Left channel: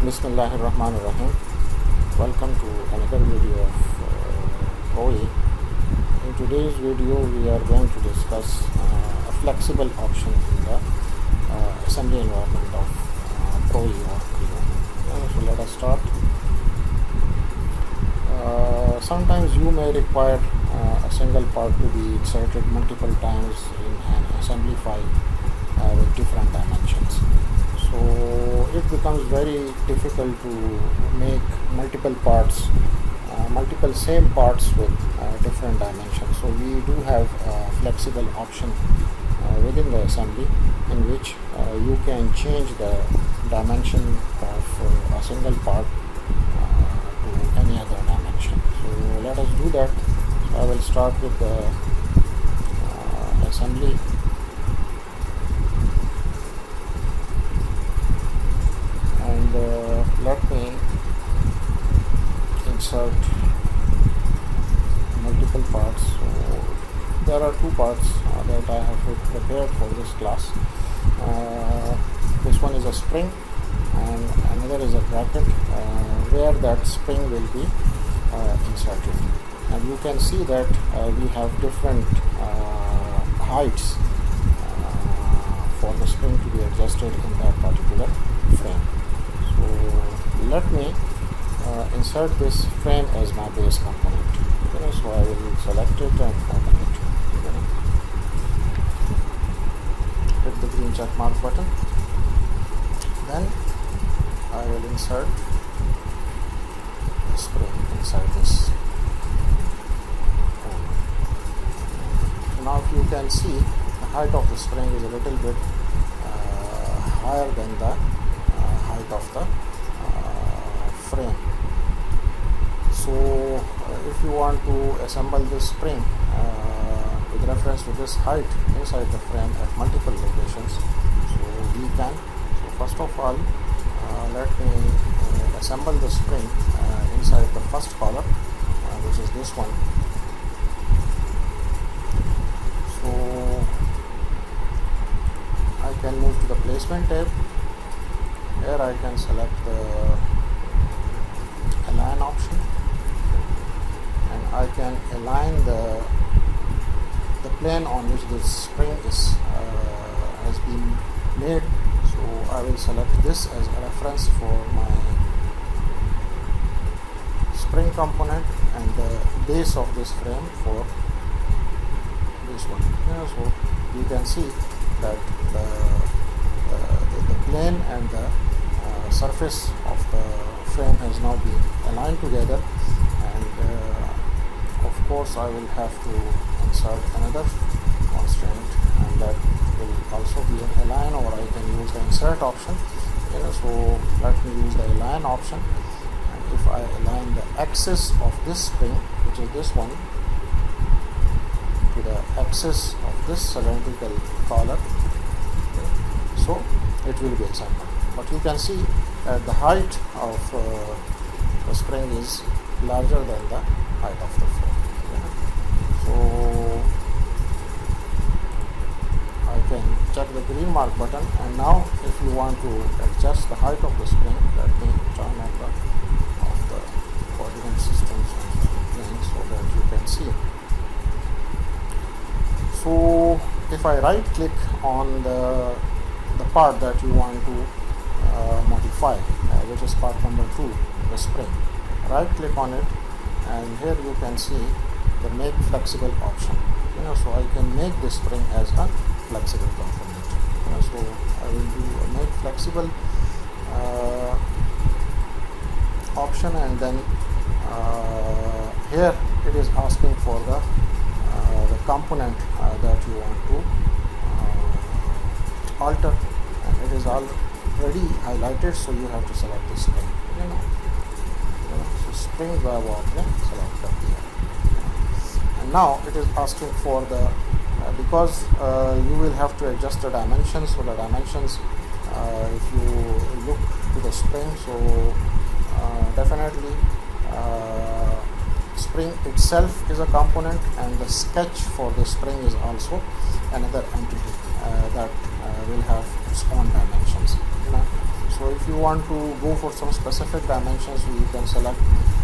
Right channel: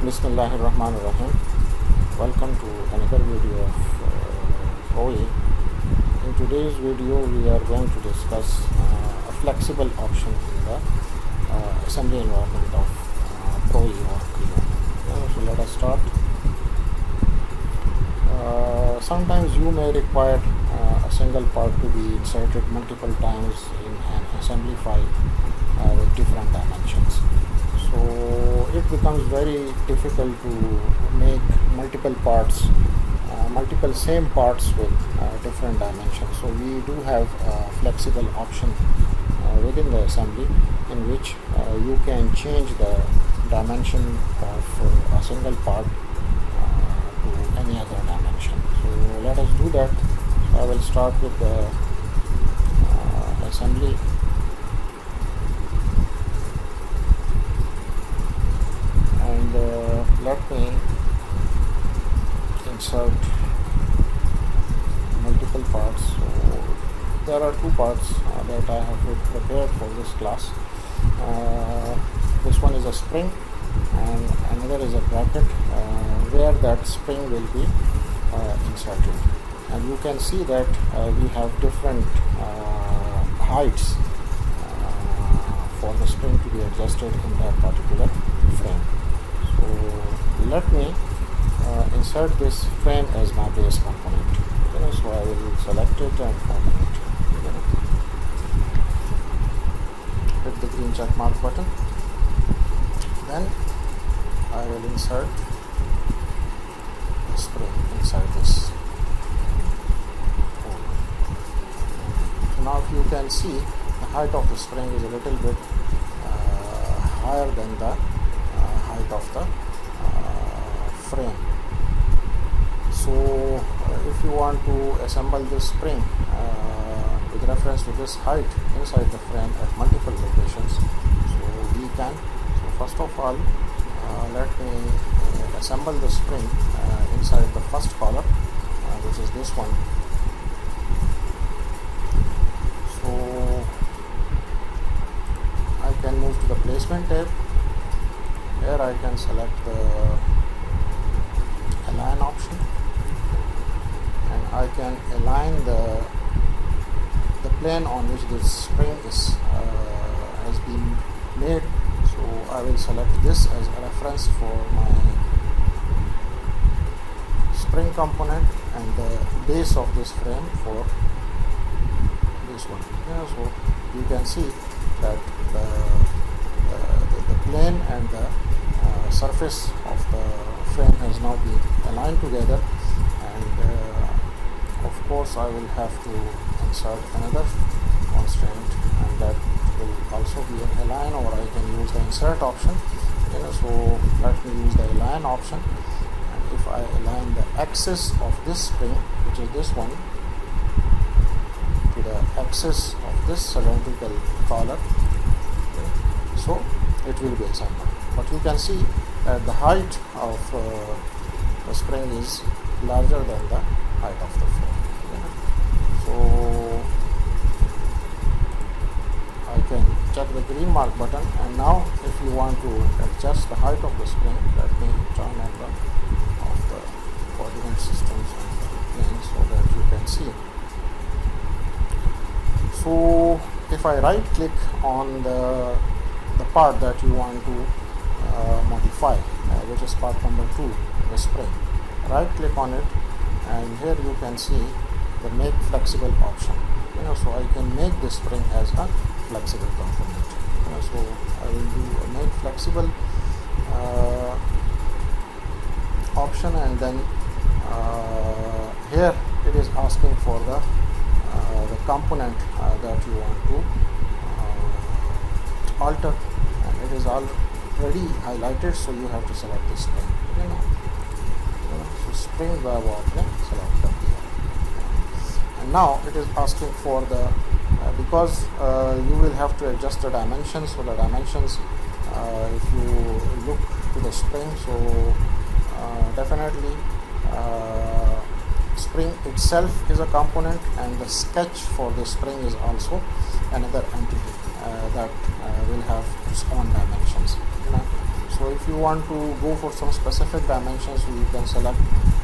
Bismillahirrahmanirrahim. Welcome to another video of PROE. In today's video we are going to discuss a flexible option in the assembly environment of PROE or CREO. So let us start. Sometimes you may require a single part to be inserted multiple times in an assembly file with different dimensions. So it becomes very difficult to make multiple parts, multiple same parts with different dimensions. So we do have a flexible option within the assembly in which you can change the dimension of a single part to any other dimension. So let us do that. So I will start with the assembly. And let me insert multiple parts. So there are two parts that I have prepared for this class. This one is a spring and another is a bracket where that spring will be inserted. And you can see that we have different heights for the spring to be adjusted in that particular frame. So let me insert this frame as my base component. So I will select it and open it. Hit the green check mark button. Then I will insert the spring inside this. So now if you can see, the height of the spring is a little bit higher than the height of the frame. So if you want to assemble this spring with reference to this height inside the frame at multiple locations, so we can. So first of all, let me assemble the spring inside the first column, which is this one. So I can move to the placement tab. Here I can select the align option, and I can align the plane on which this spring is has been made. So I will select this as a reference for my spring component and the base of this frame for this one. So you can see that the plane and the surface of the frame has now been aligned together, and of course I will have to insert another constraint, and that will also be an align, or I can use the insert option. So let me use the align option, and if I align the axis of this spring, which is this one, to the axis of this cylindrical collar, so it will be assembled. But you can see that the height of the spring is larger than the height of the frame. So I can check the green mark button, and now if you want to adjust the height of the spring, let me turn on the coordinate systems on the plane so that you can see. So if I right click on the part that you want to modify, which is part number 2, the spring, right click on it, and here you can see the make flexible option. So I can make this spring as a flexible component. So I will do a make flexible option, and then here it is asking for the component that you want to alter, and it is already highlighted, so you have to select the spring. So spring web option select up here, and now it is asking for the because you will have to adjust the dimensions. So the dimensions, if you look to the spring, so definitely spring itself is a component, and the sketch for the spring is also another entity that will have its own dimensions. So if you want to go for some specific dimensions, you can select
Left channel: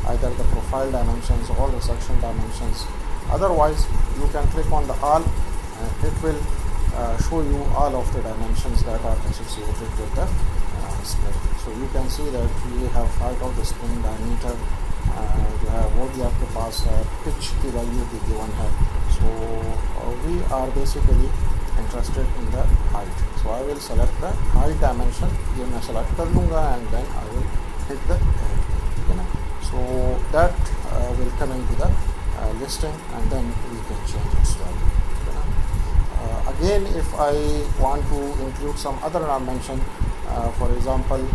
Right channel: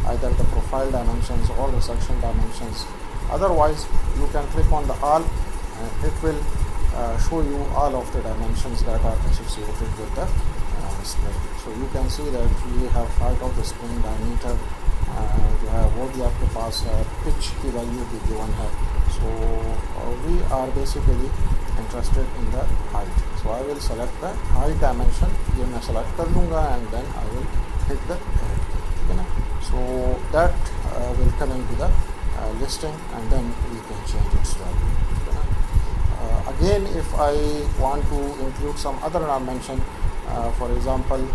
either the profile dimensions or the section dimensions. Otherwise, you can click on the all and it will show you all of the dimensions that are associated with the spring. So you can see that we have height of the spring, diameter, जो है वो भी आपके पास है, pitch की value भी given है. So we are basically interested in the height. So I will select the height dimension. ये मैं select कर लूँगा and then I will hit the edit key. ठीक है ना? So that will come into the listing and then we can change its value. ठीक है ना? Again, if I want to include some other dimension, for example,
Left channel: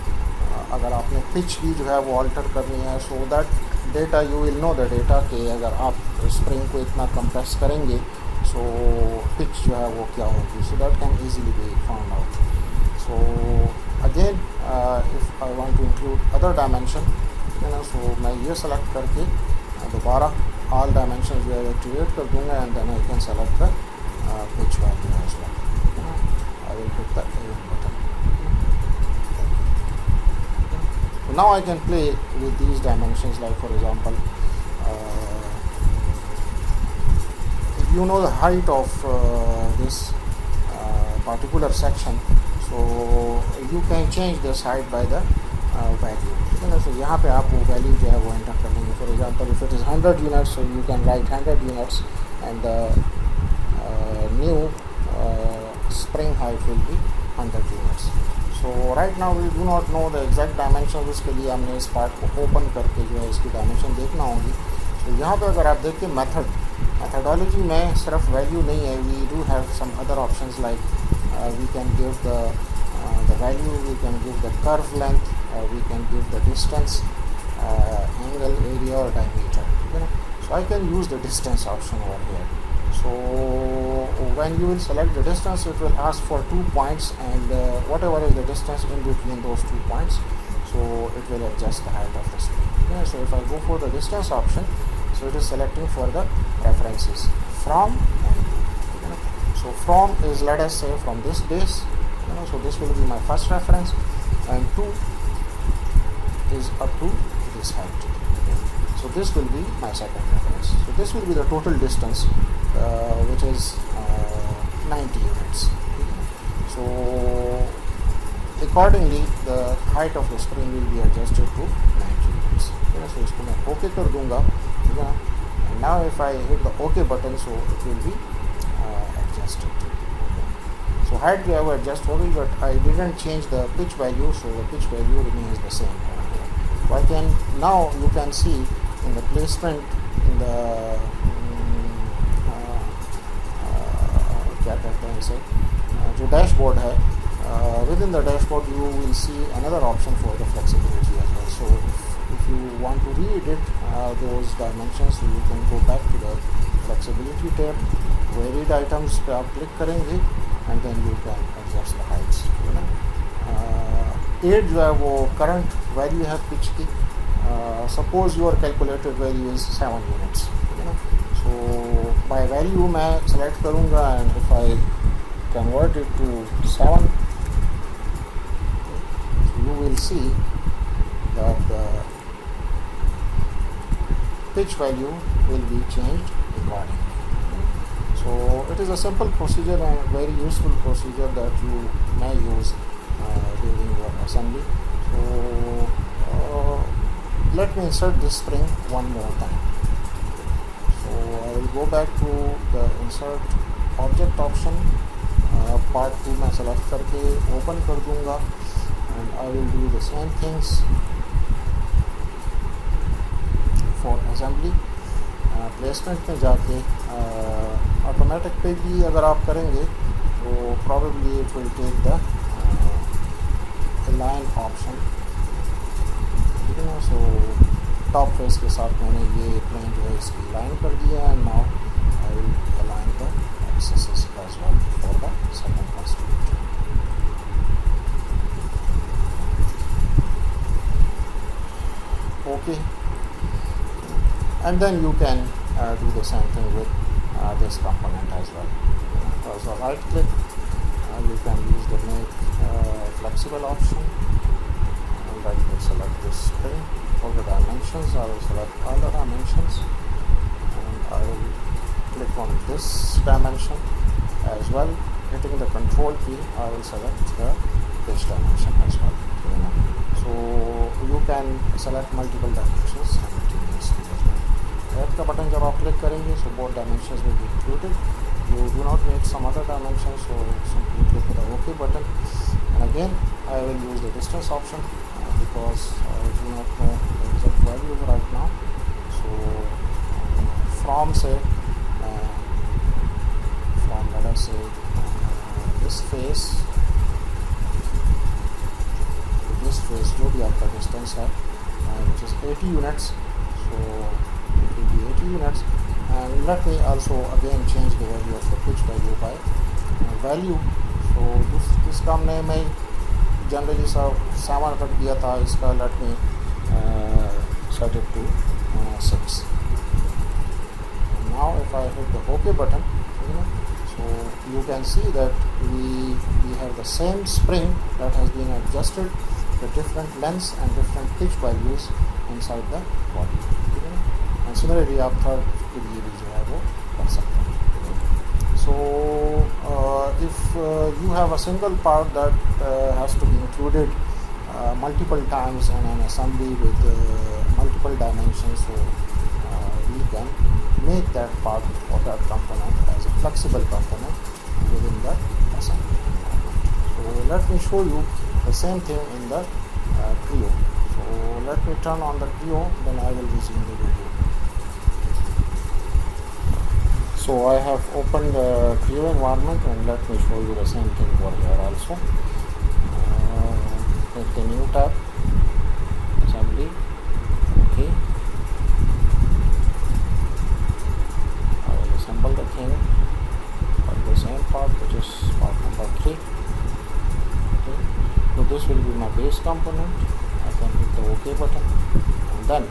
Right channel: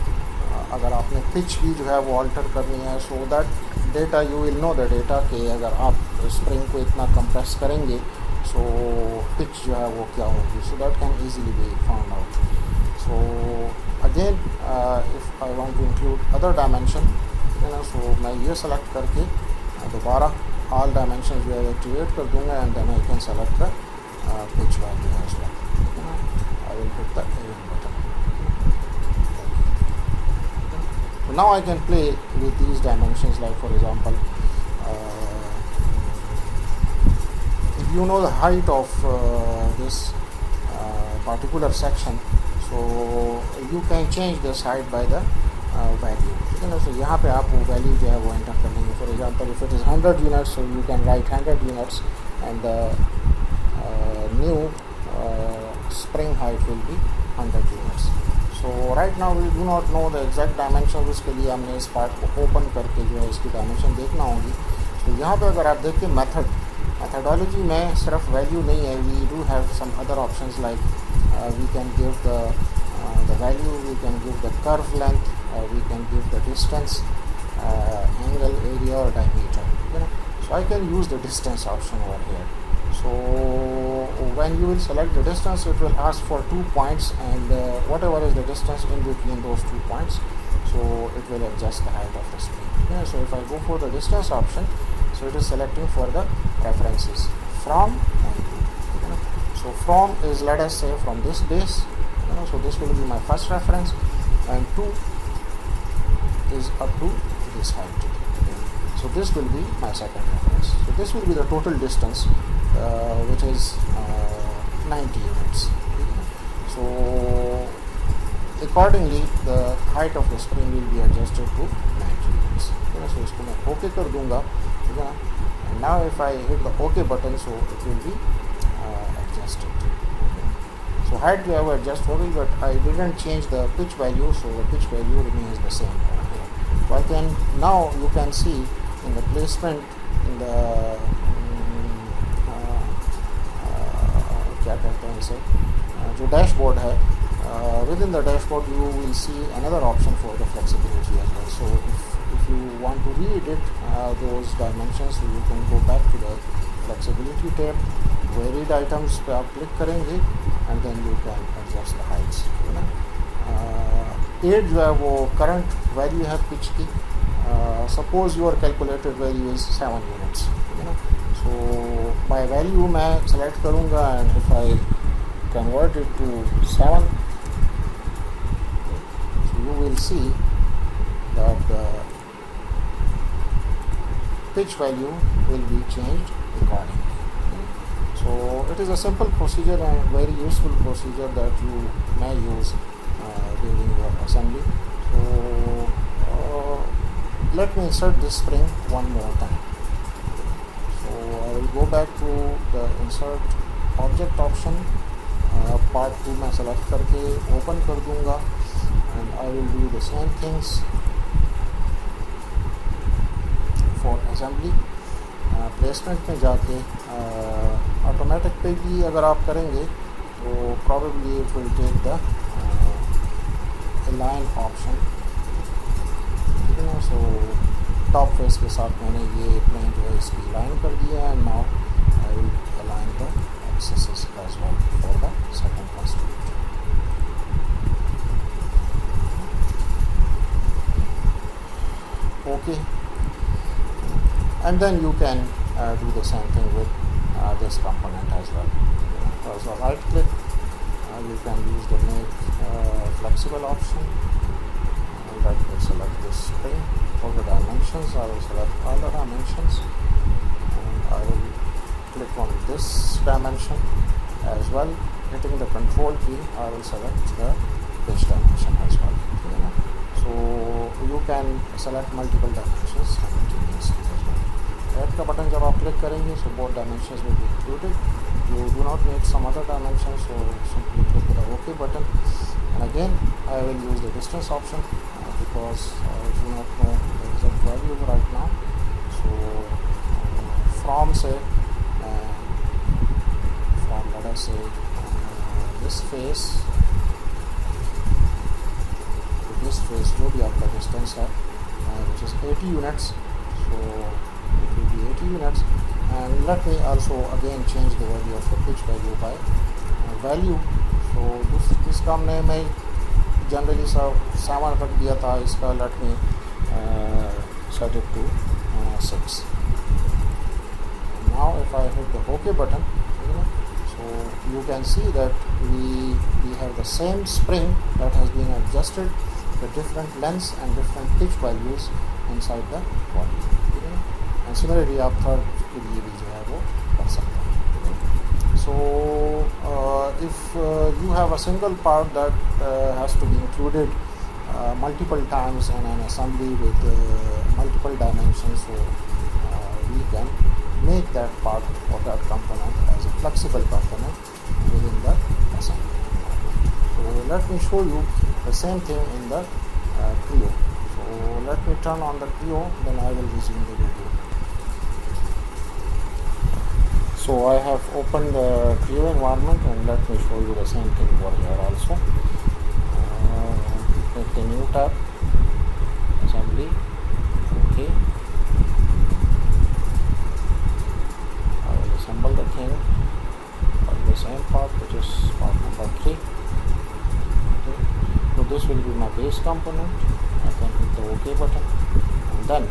अगर आपने pitch भी जो है वो अल्टर करनी है, so that data you will know the data कि अगर आप स्प्रिंग को इतना कंप्रेस करेंगे सो पिच जो है वो क्या होगी, so that can easily be found out. So again if I want to include other dimension, है ना, सो मैं ये सेलेक्ट करके दोबारा ऑल डायमेंशन जो है एक्टिवेट कर दूंगा and then I can select the pitch value as well. I will hit the add button. So now I can play with these dimensions, like for example, if you know the height of this particular section, so you can change this height by the value. You know, so यहाँ पे आप वो value जो है वो enter कर लेंगे. For example, if it is 100 units, so you can write 100 units and the new spring height will be 100 units. So right now we do not know the exact dimension. उसके लिए हमने इस part को open करके जो है इसकी dimension देखना होगी. तो यहाँ पे अगर आप देखिए मेथडोलॉजी में सिर्फ वैल्यू नहीं है, we do have some other options like we can give the value, we can give the curve length, we can give the distance, angle, area और diameter. You know, so I can use the distance option over here. So when you will select the distance, it will ask for 2 points and whatever is the distance in between those 2 points, so it will adjust the height of the spring. Yeah, so if I go for the distance option, so it is selecting for the references from and to. You know, so from is, let us say, from this base. You know, so this will be my first reference, and to is up to this height. Okay. So this will be my second reference. So this will be the total distance, which is 90 units. So accordingly the height of the spring will be adjusted to 90 units. So इसको मैं OK कर दूँगा, ठीक है ना. And now if I hit the OK button, so it will be adjusted. So height जो है वो adjust हो गई, but I didn't change the pitch value, so the pitch value remains the same. So I can, now you can see in the placement in the क्या कहते हैं इसे, जो डैशबोर्ड है, within the dashboard you will see another option for the flexibility as well. So if you want to re-edit those dimensions, you can go back to the flexibility tab, varied items पे आप click करेंगे and then you can adjust the heights. You know, 8 जो है वो current value है pitch की. Suppose your calculated value is 7 units. You know, so by value मैं select करूँगा and if I convert it to 7, so you will see that the pitch value will be changed accordingly. So it is a simple procedure and very useful procedure that you may use during your assembly. So let me insert this spring one more time. So I will go back to the insert object option, part 2 मैं select करके open कर दूँगा and I will do the same things for assembly. Placement में जाके automatic पे भी अगर आप करेंगे तो probably it will take the align option. ठीक है ना. So टॉप फेस के साथ मैंने ये प्लेन जो है इसकी लाइन कर दिया and now I will align the axis as well for the second constraint. Okay, and then you can do the same thing with this component as well. So right click, you can use the make flexible option this spring. For the dimensions, I will select all the dimensions, and I will click on this dimension as well. Hitting the control key, I will select the pitch dimension as well. So you can select multiple dimensions simultaneously as well. Add का button जब आप click करेंगे, so both dimensions will be included. You do not need some other dimensions, so simply click the OK button. And again, I will use the distance option because I do not know the exact value right now. So from say, from let us say this face to this face, जो भी आपका distance है, which is 80 units. So it will be 80 units. And let me also again change the value of the pitch value by value. So this काम ने मैं generally 7 रख दिया था इसका. Let me set it to 6. And now if I hit the OK button, so you can see that we have the same spring that has been adjusted with different lengths and different pitch values inside the body. And similarly आप third के लिए भी जो है वो कर सकते हैं. So if you have a single part that has to be included multiple times in an assembly with multiple dimensions, so we can make that part or that component as a flexible component within the assembly environment. So let me show you the same thing in the CREO. So let me turn on the CREO, then I will resume the video. So I have opened the CREO environment, and let me show you the same thing over here also. Click the new tab, assembly, OK. I will assemble the thing for the same part, which is part number 3. Okay. So this will be my base component. I can hit the OK button, and then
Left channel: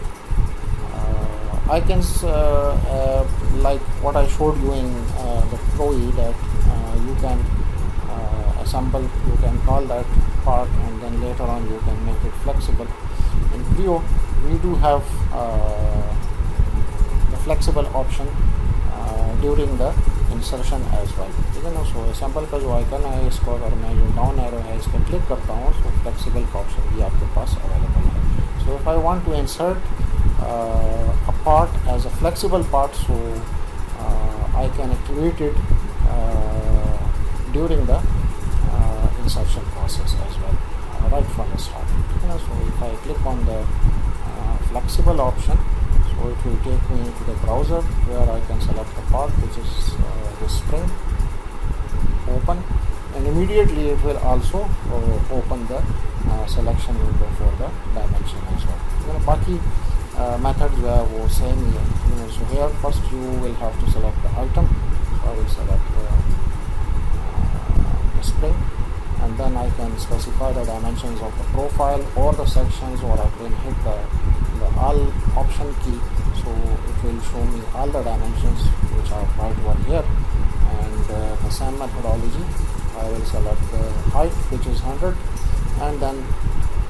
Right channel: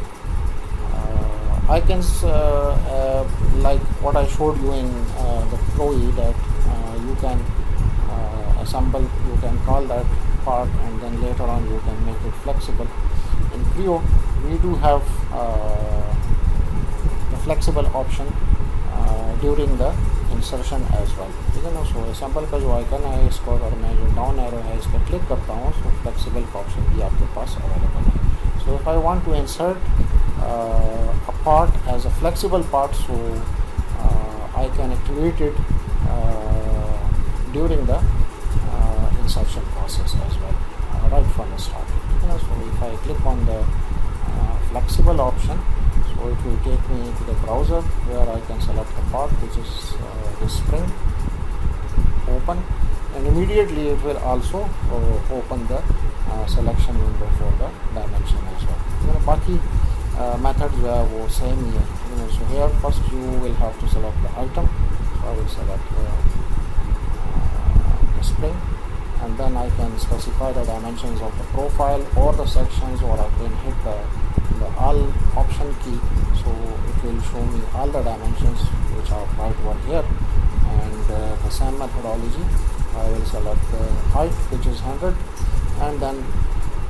I can like what I showed you in the PROE, that you can assemble, you can call that part, and then later on you can make it flexible. In CREO we do have the flexible option during the insertion as well. ठीक है ना. So assemble का जो icon है, इसको अगर मैं जो डाउन एरो है इस पर क्लिक करता हूँ, so flexible का ऑप्शन भी आपके पास अवेलेबल है. So if I want to insert a part as a flexible part, so I can activate it during the insertion process as well, right from the start. So if I click on the flexible option, so it will take me to the browser where I can select the part, which is the spring, open, and immediately it will also open the selection window for the dimension as well. बाकी methods जो है वो same ही है. So here first you will have to select the item. So I will select the spring, and then I can specify the dimensions of the profile or the sections, or I can hit the all option key, so it will show me all the dimensions which are right over here. And the same methodology, I will select the height, which is 100, and then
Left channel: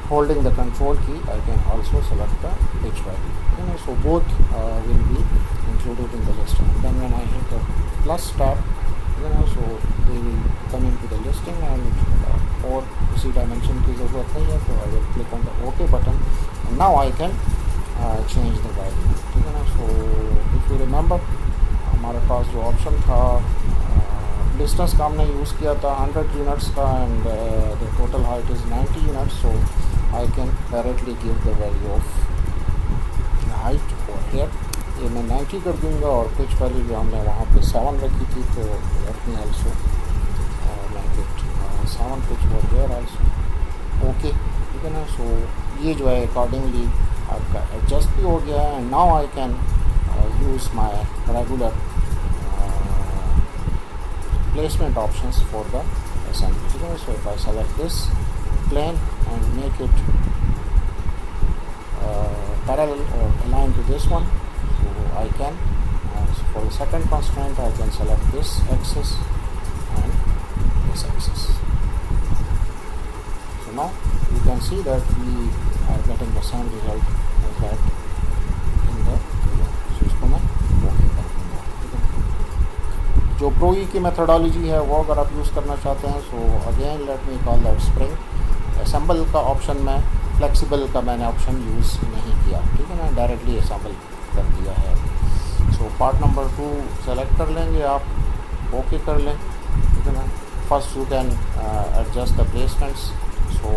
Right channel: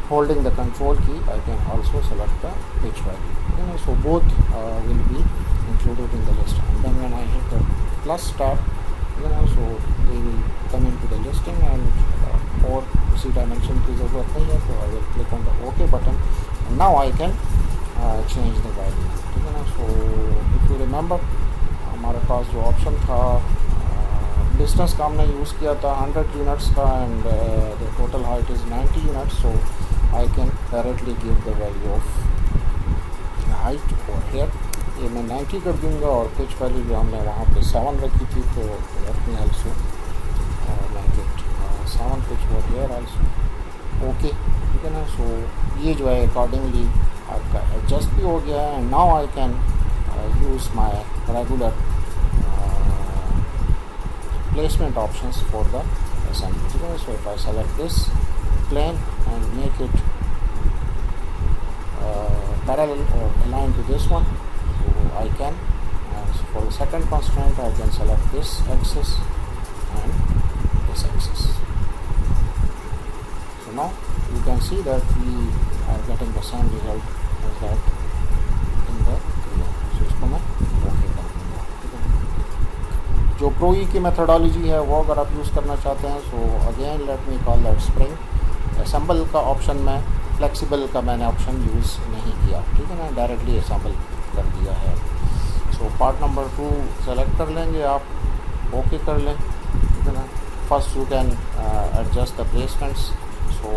holding the control key I can also select the pitch value. So both will be included in the list, and then when I hit the plus tab, so they will come into the listing, and और उसी dimension की ज़रूरत नहीं है, तो I will click on the OK button, and now I can change the value. ठीक है ना. So if you remember, हमारे पास जो ऑप्शन था डिस्टेंस का हमने यूज़ किया था 100 units का, and the total height is 90 units, so I can directly give the value of the height over here. ये मैं 90 कर दूँगा, और पिच वैल्यू जो हमने वहाँ पे 7 रखी थी, तो let me also make it 7 pitch over here also. Okay, ठीक है ना. सो ये जो है अकॉर्डिंगली आपका एडजस्ट भी हो गया है, and now I can use my regular placement options for the assembly. So if I select this plane and make it parallel or aligned to this one, so I can for the second constraint I can select this axis and this axis. So now you can see that we are getting the same result as that in the CREO. So इसको मैं okay कर दूँगा, ठीक है। जो PROE की methodology है वो अगर आप यूज़ करना चाहते हैं, so again let me call that spring. Assemble का ऑप्शन में फ्लेक्सिबल का मैंने ऑप्शन यूज़ नहीं किया, ठीक है ना, डायरेक्टली असेंबल कर दिया है। सो पार्ट नंबर 2 सेलेक्ट कर लेंगे आप, ओके कर लें, ठीक है ना। First you can adjust the placements. So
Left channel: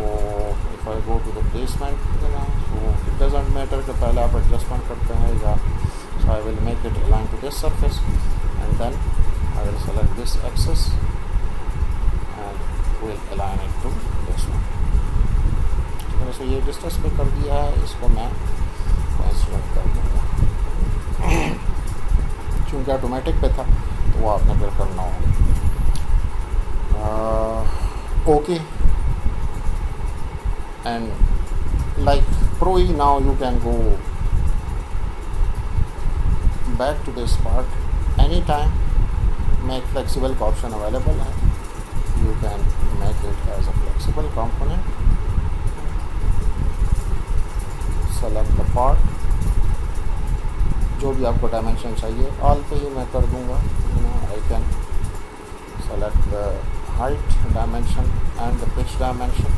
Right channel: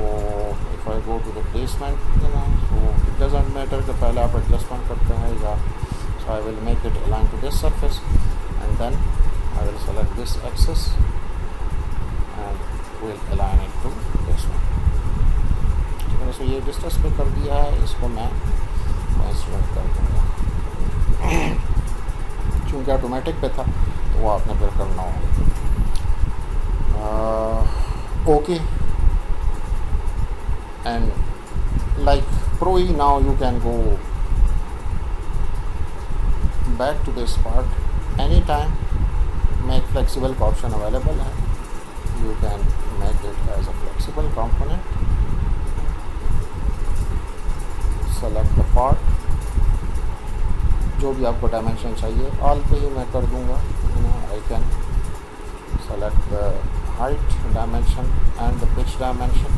if I go to the placement, ठीक है ना, सो इट डजेंट मैटर कि पहले आप एडजस्टमेंट करते हैं या, so I will make it align to this surface and then I will select this axis and will align it to this one, ठीक है। सो ये डिस्टेंस पे कर दिया है, इसको मैं सेलेक्ट कर दूँगा। चूँकि ऑटोमेटिक पे था तो वो आपने फिर करना होगा। Okay, and like PROE now you can go back to this part anytime। make flexible का ऑप्शन अवेलेबल है, you can make it as a flexible component, select the part, जो भी आपको डायमेंशन चाहिए ऑल पे ही मैं कर दूंगा। I can select the height dimension and the pitch dimension,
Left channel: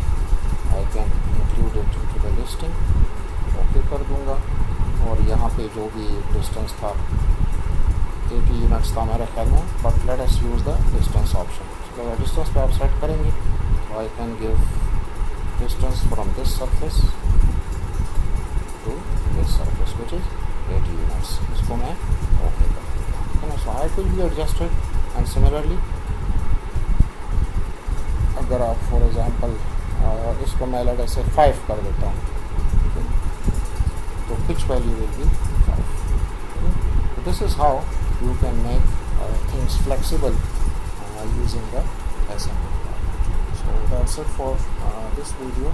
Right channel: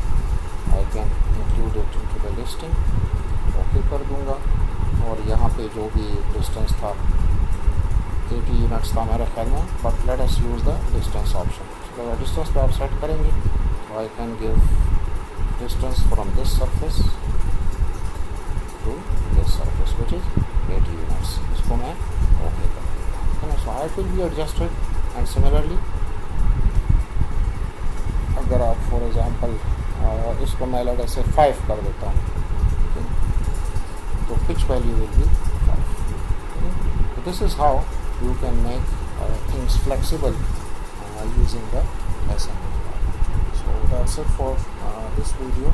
I can include it into the listing, okay कर दूंगा। और यहाँ पे जो भी डिस्टेंस था 80 यूनिट्स था मेरे ख्याल में, but let us use the distance option. तो डिस्टेंस पे आप सेट करेंगे तो I can give distance from this surface to this surface which is 80 units. इसको मैं ओके कर दूँगा, ठीक है ना। So height will be adjusted and similarly अगर आप फॉर एग्जांपल इसको मैं लेट से 5 कर देता हूँ, तो pitch value will be 5। So this is how you can make things flexible using the assembly. So that's it for this video.